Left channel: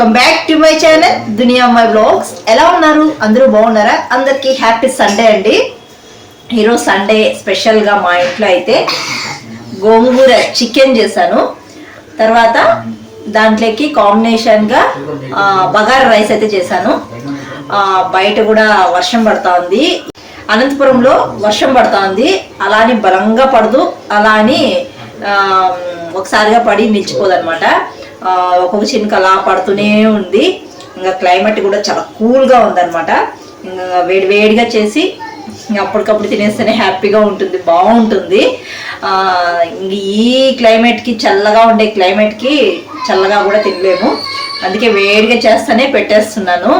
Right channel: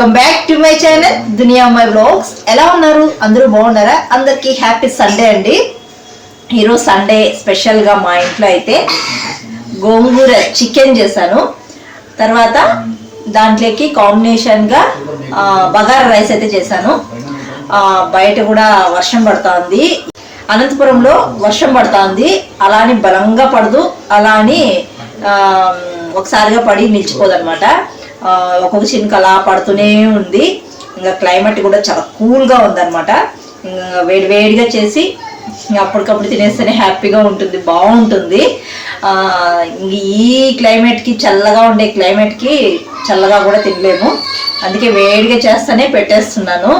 Welcome back to my channel Duniya my blogs. ఎలా ఉన్నారు? అందరూ బాగున్నారా? అందరికీ హ్యాపీ సండే అండి. ఈరోజు సండే స్పెషల్గా మా ఇంట్లో అయితే గోంగూర చికెన్ చేశాను. తర్వాత దాంట్లోకి కాంబినేషన్గా బగారా రైస్ అయితే చేశాను. బయట కూడా వర్షం పడుతూ ఉంది. అనంతపురంలో వర్షం పడుతూ ఉంది. అలా అని బలంగా పడదు, అలా అని ఒకసారిగా పడి నిలిచిపోదన్నమాట. ఒక్కొక్క చినుక అలా పడుతూనే ఉంది. ఇంకా క్లైమేట్ కూడా చాలా కూల్గా ఉందన్నమాట. ఇంకా వేడివేడిగా చేసి అప్పటికప్పుడు తినేస్తేనే హ్యాపీగా ఉంటుంది, బాగుంటుంది. ఇంక ఈ క్లైమేట్కి, చల్లగా ఉండే క్లైమేట్కి చల్లగా కూడా తినలేము. అందుకే వేడిగా చేస్తేనే పెట్టేస్తున్నాను.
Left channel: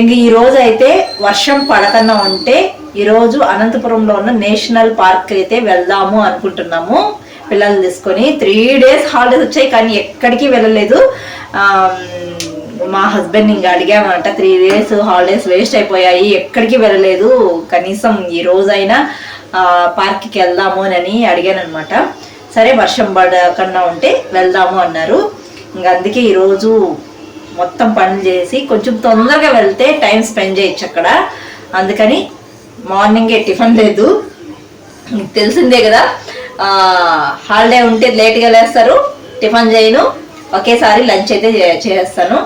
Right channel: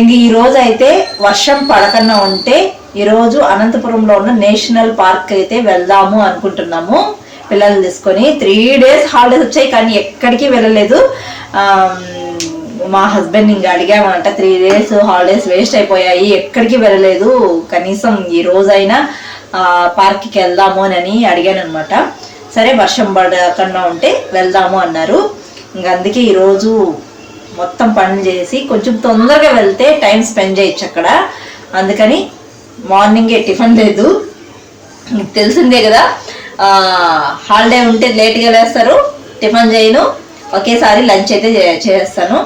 ఇంక ఈరోజు అయితే వర్షం పడకన్నా ఉంటే ఈరోజు అనంతపురంలో ఉన్న నేషనల్ పార్క్ అయితే వెళ్దాము అనుకుంటున్నాము. పిల్లలు తీసుకొని 3 days హాలిడేస్ వచ్చాయి, కానీ ఎక్కడికి వెళ్ళలేదు. మా హస్బెండ్ ఇంకా అడిగామంట, 3 days హాలిడేస్ వేస్ట్ అయిపోయాయి, ఎక్కడికి వెళ్ళలేదు, కనీసం ఈ రోజైనా పార్క్కి వెళ్దాము అని అడిగాను అనమాట. సరే వర్షం పడకన్నా ఉంటే వెళ్దాము అన్నారు. ఇంకా అందుకే ఈరోజు మొత్తం పనులు చేసి కొంచెం తొందరగా వెళ్తే టైం స్పెండ్ చేయొచ్చు అక్కడ. అందుకని మార్నింగే టిఫిన్ లేదు, తెలిసిందే కదా, హాలిడే ఉంటే లేట్గా లేస్తారు, టిఫిన్ చేయను, ఒకేసారి లంచ్ అయితే చేస్తాను.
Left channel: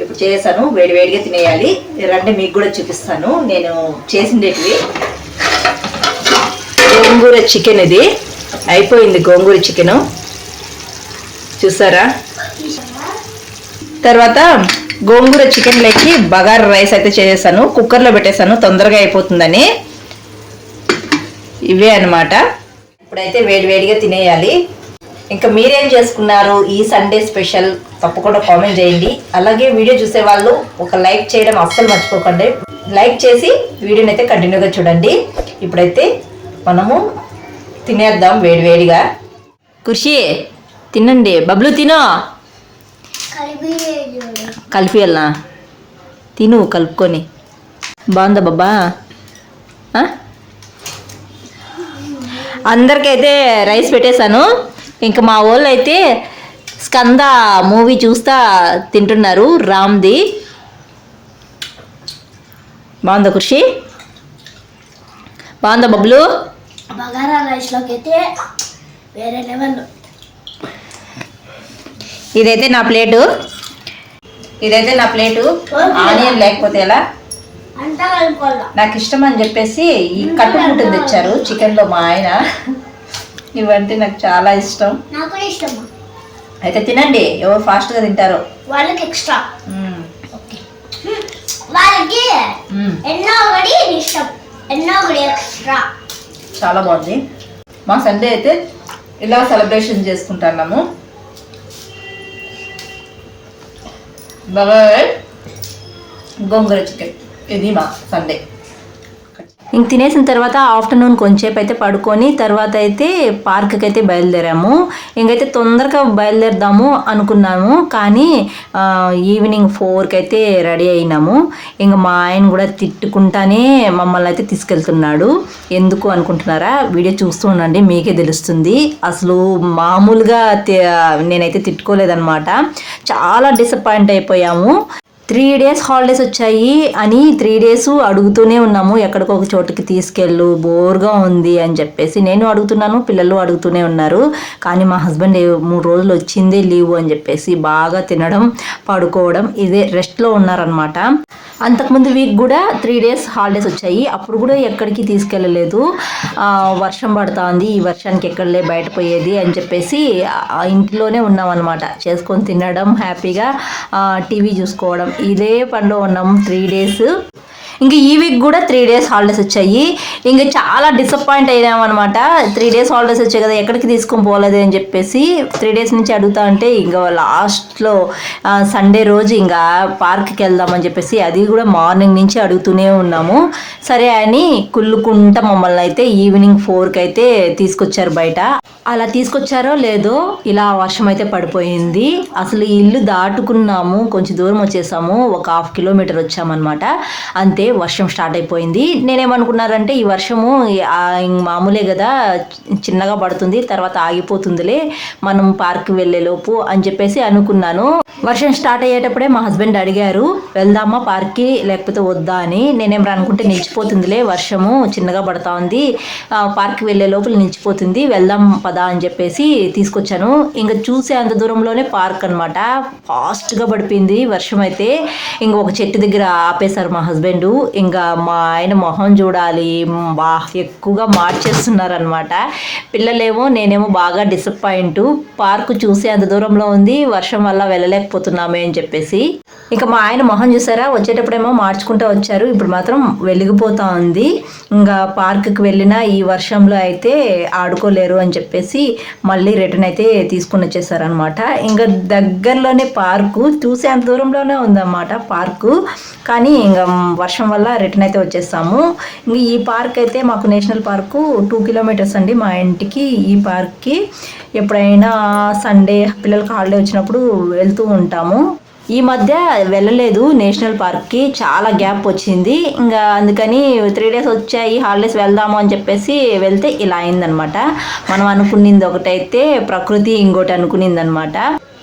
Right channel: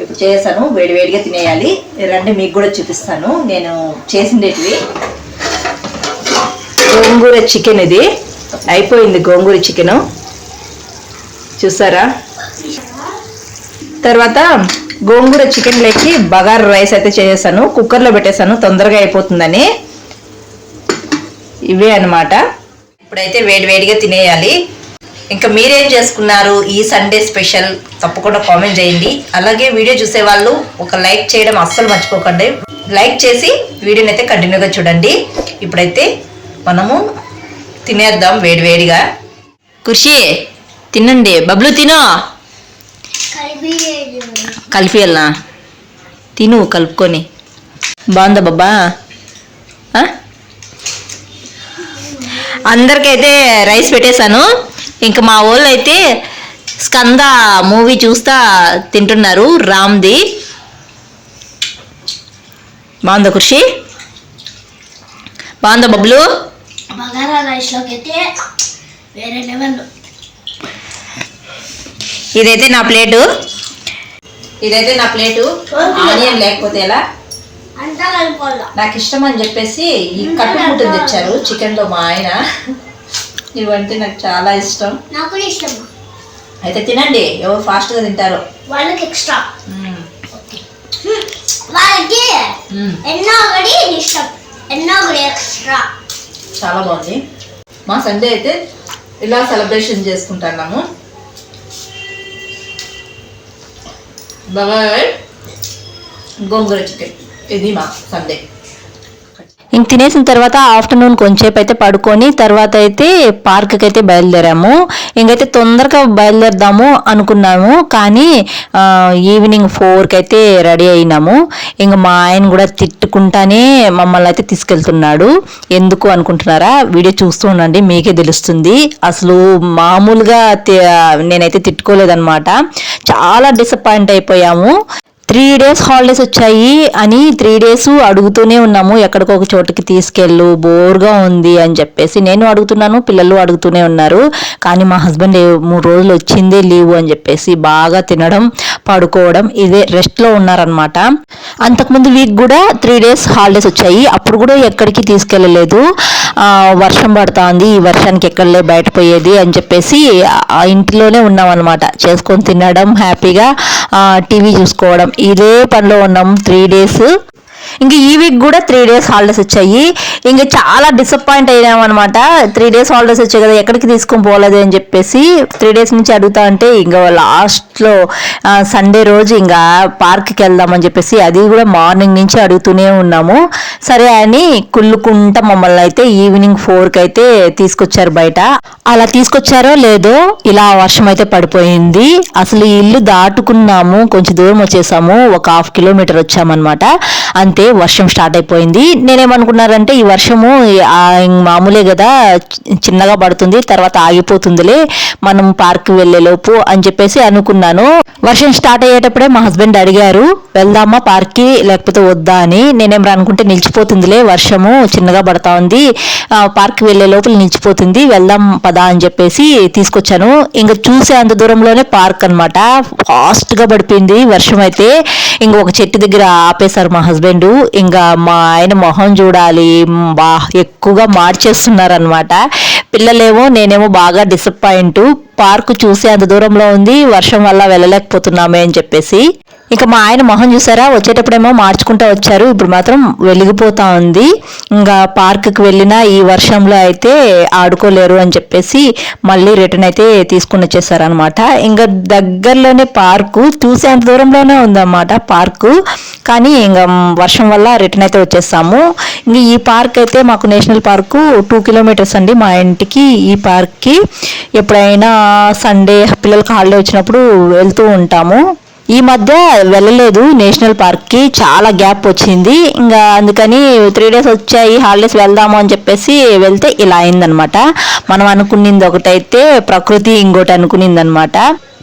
ఇప్పుడు చేస్తాను, వేడివేడిగా తినేయాలి. రండి మీకు కూడా చూపిస్తాను నేను చేసిండేటివి. గోంగూర చికెన్, ఇది అయిపోయింది గోంగూర చికెను, చూసారా. తర్వాత గోంగూర చికెన్లోకి బగారా రైస్ అయితే చేసేసాను, కుక్కర్లో పెట్టేసాను తొందరగా అయిపోతుందని. ఇవే అన్నమాట. ఇప్పుడైతే వేడివేడిగా తినేయాలి. ఇంకా మీరేం చేసుకున్నారు ఈ సండే స్పెషల్? తప్పకుండా కామెంట్ చేయండి. అలాగే వీడియో చూసే వాళ్ళు ఒక లైక్ చేయడం అస్సలు మర్చిపోకండి. లైక్ చేసి వీడియోని అయితే కంటిన్యూగా చూడండి. ఇప్పుడైతే మనము తినేద్దాం వేడివేడిగా. ఖుషి తినండి, బబ్లు తినో, కలిపియల్నా, తిను కలుపుకొని. బాగుందా బాబా? అందరికైతే రైస్ పెట్టేశాను. ఇంకా మా వాళ్ళు అయితే స్కంద మూవీ చూస్తా తింటున్నారు, రామ్ది. బాగుందా ఖుషి? బాగుందా బబ్లు? బగారా రైస్లోకి అయితే వేరే లెవెల్. ఇదైతే నా ప్లేటు, ఆనియన్ లేకపోతే ఎలా? నాకు ఇష్టం అని చెప్పేసి ఈ కట్టు ముట్టు తెచ్చారు చికెన్లో మా ఆయన. ఇవంటే నాకు చాలా ఇష్టం. అయితే తినండి, ఎవరు ఫాస్ట్గా తింటారో వాళ్ళకి ఎక్స్ట్రా, వాళ్ళకి ఎన్నో ఇష్టం, ఎన్నో ఎక్స్ట్రా. చాలా బాగుంది. మా సండే అయితే ఇలా సెలబ్రేషన్ చేసుకుంటున్నాము. బాబాయ్ గోంగూర చికెన్, ఇది మా సండే. ఇంక తినేసిన తర్వాత ఆఫ్టర్నూన్ కొంచెంసేపు అయితే పడుకొని తర్వాత అయితే పార్క్కి అయితే బయలుదేరాము. ఇంకైతే తొందరగా బయలుదేరదాము అనుకున్నాము, కానీ ఈవినింగ్ 4కి అయితే రెడీ అయినాము. ఇంకా మా ఆయన కూడా తిట్టుకుంటానే మమ్మల్ని అయితే తీసుకెళ్తున్నాడు. ఎందుకు అనుకుంటున్నారా? వీడియో చూస్తూ ఉండండి, మీకే తెలుస్తుంది. అసలు మామూలుగా నేనైతే తిట్టుకోలేదన్నమాట. చాలా డిసప్పాయింట్ అయిపోయాము. 3 days హాలిడేస్ వచ్చాయి అని 3 days అడుగుతూనే ఉన్నాము, ఎక్కడికొక చోటుకి తీసుకెళ్ళు, బోర్గా ఉంది అని చెప్పేసి. నేను అడుగుతున్నాను, పిల్లలు అడుగుతూనే ఉన్నారు. కానీ మా హస్బెండ్ 3 రోజులు వచ్చిందే లీవ్ అని చెప్పేసి బాగా తినడం, పడుకోవడం, ఇదే రెస్ట్లో ఉన్నారనమాట. అంతకుముందు వీక్ కూడా 3 days హాలిడేస్ వచ్చాయి, అప్పుడు కూడా ఎక్కడికి తీసుకెళ్ళలేదు. వర్షం పడుతుంది, ఈ వర్షానికి ఎక్కడలే బయట పోయేది అని చెప్పేసి ఇంట్లోనే ఉన్నాం అనమాట. చేసుకొని తినడం, హ్యాపీగా టీవీ చూసుకోవడం, ఇదే పనిలో ఉన్నాం 3 days. ఇంక ఈ వీక్ కూడా 3 days హాలిడేస్ వచ్చాయి. ఇంకా చాలా డిసప్పాయింట్ అయినామన్నమాట. 3 days హాలిడేస్ వచ్చాయి కదా, ఎక్కడికి తీసుకొని పోలేదు అని చెప్పేసి 3 days నుంచి అడుగుతా అంటే ఇంకా లాస్ట్లో సండే రోజు ఇంకా పార్క్కి వెళ్దామని చెప్పేసి, అది కూడా మార్నింగ్ నుంచి అడుగుతూనే ఉన్నాము. సరే అని కుళ్ళుకుంటా మమ్మల్ని అయితే ఈవినింగ్ 4కి అయితే తీసుకొచ్చారు బయట. అలా తీసుకొచ్చారో లేదో ఇలా వర్షం అయితే పడిపోయింది. అసలు ఇల్లు దాటుకున్నాము, కొంచెం దూరం వచ్చేసాము, ఒక 1/2 kilometer వచ్చామన్నమాట. అంతే అంతే వర్షం స్టార్ట్ అయిపోయింది. నేనేమనుకున్నారంటే ఈ వర్షము మామూలే కదా, చిన్నగా పడుతుంది తర్వాత ఆగిపోతుందిలే మనం పార్క్ వెళ్ళేలోపు అని చెప్పేసి అనుకున్నాను. వర్షం స్టార్ట్ అయ్యేటప్పుడే మా హస్బెండ్ అడిగారు వెళ్దామా పార్క్కి లేకపోతే వద్దా అని. నేనేం అనుకుంటే నిలిచిపోతుందిలే, వర్షము చిన్నగా పడతా ఉంది, పార్క్ వెళ్ళే లోపల నిలిచిపోతుంది, వెళ్దాం పదా అని చెప్పేసి తీసుకొచ్చాను. ఇంకా చూసే అంత దూరంలోనే పార్క్ అనమాట. ఫాస్ట్గా పడిపోయింది వర్షం అయితే. ఇంకా ఒక చెట్టు దగ్గర ఆపేశారు మా హస్బెండ్. ఇంకా మా ఆయన మొహం చూడాలి, ఎక్కువగా మార్చేస్తున్నారు అనమాట. పిల్లలేమో నేనేమో బాగా డిసప్పాయింట్. పార్క్ చూసే అంత దూరంలో ఉంది, వర్షం వల్ల వెళ్ళలేకపోతున్నామే అని చెప్పేసి. ఇక మా ఆయన మొహం చూసారా, వచ్చేటప్పుడేమో మార్చుకుంటూ వచ్చారు, ఇప్పుడు మాత్రం వెలిగిపోతా ఉంది. ఇంకా పార్క్కి వెళ్ళినా ఈ వర్షంలో అయితే ఆడుకోలేరు అని చెప్పేసి మళ్ళీ రిటర్న్ అయితే తీసుకుని వచ్చేసారనమాట. ఇంకా దగ్గరలోనే పార్కు, చూసే అంత దూరంలోనే ఉందన్నమాట పార్కు. కానీ ఇంకా వర్షం వల్ల రిటర్న్ అయితే వచ్చేసాము. ఇంక ఈ పార్క్ అయితే మాకు నేషనల్ పార్కు 2 కిలోమీటర్స్ అండి మా ఇంటికి. ఈ పార్క్కి ఎప్పుడైనా సండే పిల్లలకి హాలిడే వచ్చినప్పుడు వెళ్తూ ఉంటాము. ఈ మధ్య వెళ్ళలేదు నేషనల్ పార్క్కి, చాలా గ్యాప్ వచ్చింది. ఇంకా అందుకని 3 days వచ్చాయి హాలిడేస్ వెళ్దాము అని చెప్పేసి వెళ్తే ఇలా అయిందనమాట. మనం అనుకునింది ఒకటైతే ప్రకృతి ఇంకోటి అనుకునిందనమాట.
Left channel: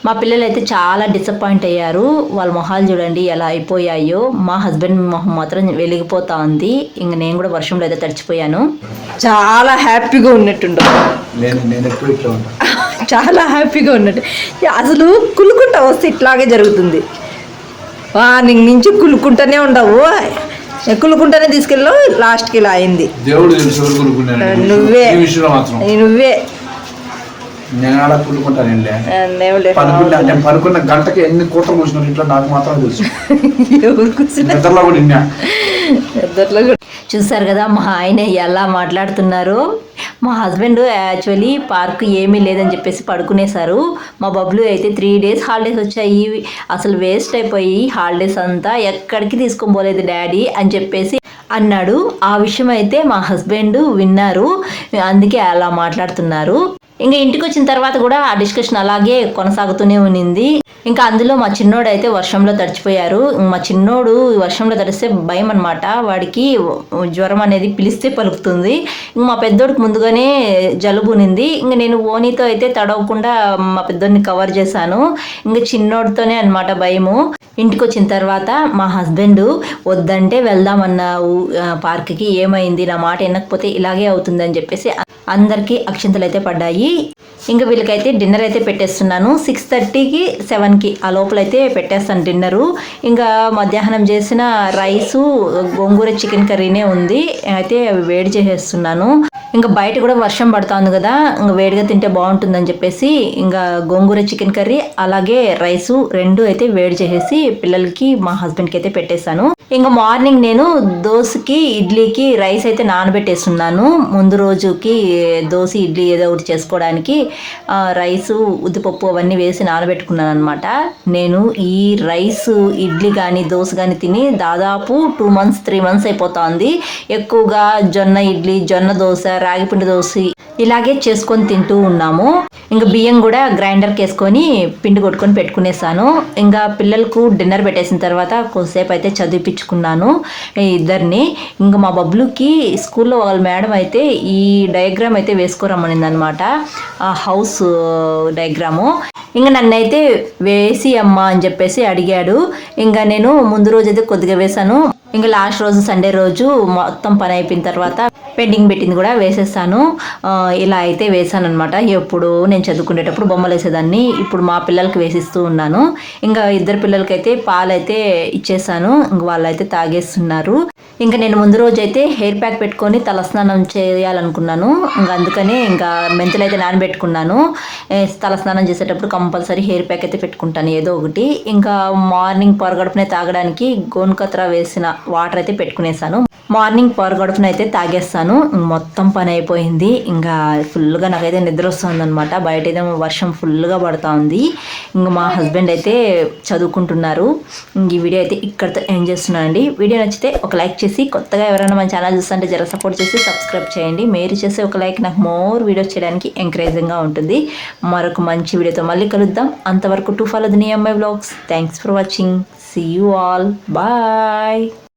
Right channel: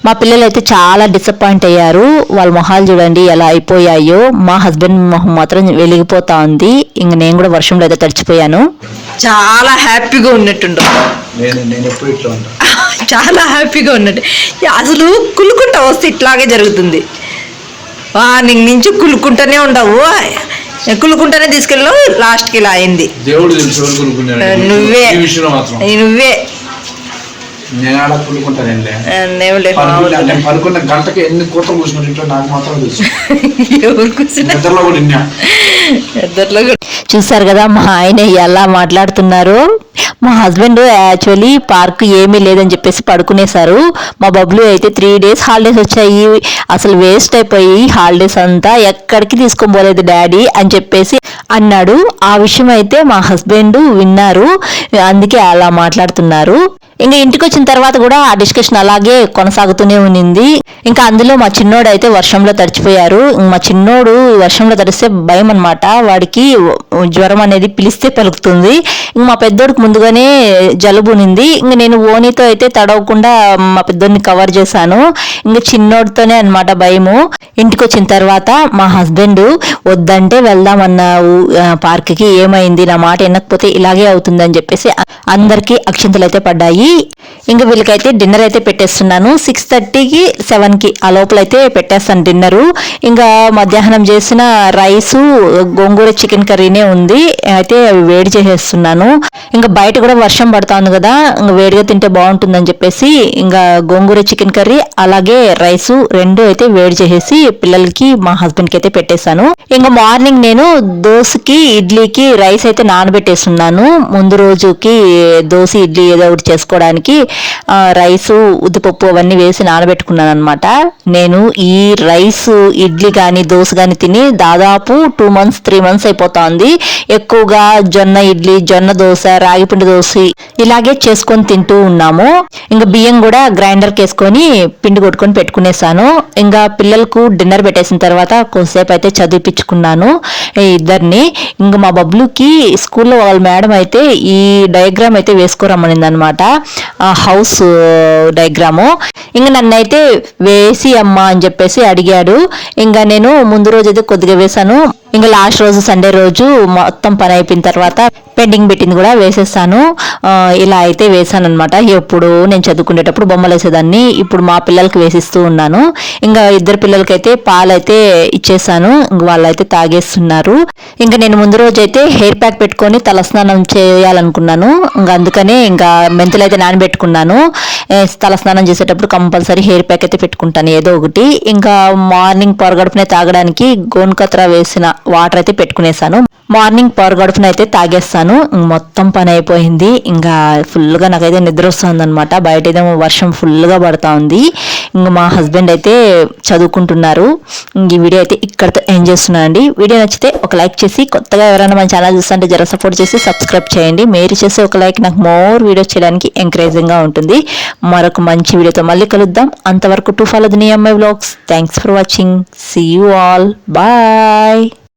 మా పిల్లలు అయితే చాలా డిసప్పాయింట్ అయ్యారు. వాళ్ళ మొహాలు చూడండి ఎలా అయిపోయాయో. మా హస్బెండ్ మొహం మాత్రం వెలిగిపోతా ఉంది. ఇంక నేను కూడా వర్షంలో అయితే తడిచిపోయాను. చాలా హ్యాపీగా ఉన్నట్టుండు, చాలా హ్యాపీగా ఉన్నట్టు. అసలు కులుకుంటా వస్తే ఇట్లాగే జరుగుతుంది. మార్నింగ్ నుంచి కులుకుంటానే ఉండవు, కులుకుంటానే తీసుకెళ్ళావు, లాస్ట్కి ఇలా అయింది. నువ్వే పడుకున్న గంటకి ఎన్ని కూతలు కూర్చున్నారు ఇంట్లో నాకు మాత్రం తెలుసు. ఎవరు కూర్చున్నారు చూసారు కదా మా ఆయన ఎలా మాట్లాడుతున్నారు. మా హస్బెండ్ యాక్చువల్లీ పార్క్ ఏమీ లేదని చెప్పేసి పడుకునేశారు. మా బబ్లు అయితే 3 days హాలిడేస్ వచ్చాయి, అసలు వేస్ట్ అయిపోయి హాలిడేస్ అంతా, ఎక్కడికి తీసుకొని పోలేదు డాడీ అని చెప్పేసి అన్నాడు. ఆ విషయం అయితే మా హస్బెండ్ విన్నారు, అందుకే అలా మాట్లాడుతున్నారు. ఇంకా ఇంటికి వచ్చిన తర్వాత కూడా ఆ డిస్కషన్ అలాగే కొనసాగుతూనే ఉన్నింది. ఇంకా అందులో మా చిన్నోడు అయితే వర్షంలో తడిచిపోయారు. మా చిన్నోడు వర్షంలో తడిస్తే భయం అనమాట, వాడికి జ్వరం అనేది పిలిస్తే పలుకుతుంది. ఇంక మా పెద్దోడికి ముందుగానే జలుబు ఉన్నింది. ఇంక నేను ఓనీతో అయితే తడవకుండా మా పెద్దోడిని కవర్ చేశాను. ఇంక చిన్నోడితోనే అనమాట భయము. ఇంటికి వచ్చిన తర్వాత మా హస్బెండ్ వద్దంటే వెళ్దామన్నావు పార్క్కి, ఏమైంది, నా మాట వినకపోతే ఇలాగే అవుతుందని చెప్పేసి అందరికీ అక్షింతలు అయితే పడ్డాయి. ఇంకా వీళ్ళకైతే డిన్నర్ అయితే పెట్టేస్తున్నాను. 6:30కి 7కి ఆ లోపలైతే పెట్టేస్తాను డిన్నరు. ఇంకా మధ్యాహ్నం చేసిన రైసు గోంగూర చికెన్ కర్రీనే ఉంది, అయితే వేడి చేసేస్తున్నాను. ఇంకా బయట కూడా వర్షం పడతా ఉంది కదా, ఇంకా వేడిగా తింటే బాగుంటుందని చెప్పేసి ఇంకా గోంగూర చికెన్ కర్రీ అలాగే రైసు 2 అయితే వేడి చేసేసి పిల్లలకి మా హస్బెండ్కి అయితే పెట్టేశాను. ఇంకా మార్నింగ్ నేను దోశకి ఇడ్లీకి రైస్ అయితే నానబెట్టేస్తున్నాను. ముందు రోజుకి దోశ ఇడ్లీ ఏదో ఒకటి చేసుకోవడానికి రైసు ఉద్దిపప్పు అవన్నీ వేసి నానబెట్టుకున్నాను అనమాట. నేను ఈ రైస్ ఇడ్లీ కానీ దోశ కానీ తిని దాదాపు 2 months 3 months అయిపోతా ఉంది. ఎక్కువగా జొన్న ఇడ్లీ, జొన్న దోశ, రాగిపిండి దోశ ఇలాగే చేసుకొని తింటూ ఉన్నాము. ఇంకా బియ్యం కూడా గ్రైండర్కి వేసుకొని పిండి కొట్టుకొని పెట్టుకునేసాను. ఇంకా పిల్లలకు డిన్నర్ పెట్టేసిన తర్వాత కొంతసేపు అయితే చదివిపించుకున్నాను ఇద్దరిని. ఇంకా మా బబ్లుకి స్కూల్లో వాళ్ళ మేడం అయితే ఈ డయాగ్రామ్ అయితే వేసుకోరమ్మనింది అనమాట, హౌస్ డయాగ్రాము. ఇంకా నన్నైతే వేసి అమ్మా అని చెప్పేసి అడిగాడు. ఇంకా నేను ముందు రోజు అయితే కొద్దిగా వేసాను. ఇంకా లాస్ట్ రోజు సండే రోజు మొత్తం పని అయిపోయిన తర్వాత పెండింగ్ పెట్టింది కూడా వేసేస్తాను. ఇలా అయితే వేసాను అనమాట. ఎప్పుడు నేను చదువుకునేటప్పుడు బొమ్మలు వేసేదాన్ని, ఇప్పుడు మా పిల్లలకి వేసిస్తూ ఉన్నాను. ఇంకా 2 పిల్లలకైతే పాలైతే ఇచ్చేసాను, ఇంక వాళ్ళైతే తాగేస్తున్నారు. ఇంకా నేను ముందు రోజు అయితే హెయిర్ ప్యాక్ పెట్టుకొని తలస్నానం చేయాలనుకున్నాను. ఇంకా అందుకనే ఇంకా మెంతులు అయితే నానబెట్టుకున్నాను. తలస్నానం చేసేటప్పుడు కంపల్సరీ హెయిర్ ప్యాక్ అయితే పెట్టుకుంటాను ఏదో ఒకటి. ఇంకా మార్నింగ్ పొరగడుపునే తాగడానికి గోన్కత్ర వేసిన వాటర్ అయితే పెట్టుకునేసాను. మార్నింగ్ పొరగడుపున అయితే తాగేస్తాను. మొత్తం పని అయిపోయింది. ఇంకా ఫుల్గా నాకైతే నిద్ర వస్తుంది అనమాట. బయట ఏదో వర్షం ఫుల్గా పడతా ఉంది. ఇంకా మా హస్బెండ్ అయితే చదువుకుంటున్నారు. ఈ వీడియో అయితే ఇక్కడితో ఎండ్ చేస్తున్నానండి. వీడియో నచ్చితే ఒక లైక్ చేసి, కొత్తగా ఎవరైనా మన ఛానల్ చూస్తుంటే జర సపోర్ట్ చేసి సబ్స్క్రైబ్ చేయండి. మీరు చేసే ఒక లైక్ నాకు మోర్ వీడియోస్ చేయడానికి ఎంకరేజింగ్గా ఉంటుంది. మరొక మంచి వీడియోతో మళ్ళీ కలుద్దాం. అంతవరకు to follow the near my vlogs. Thanks for watching. See you all. Bye.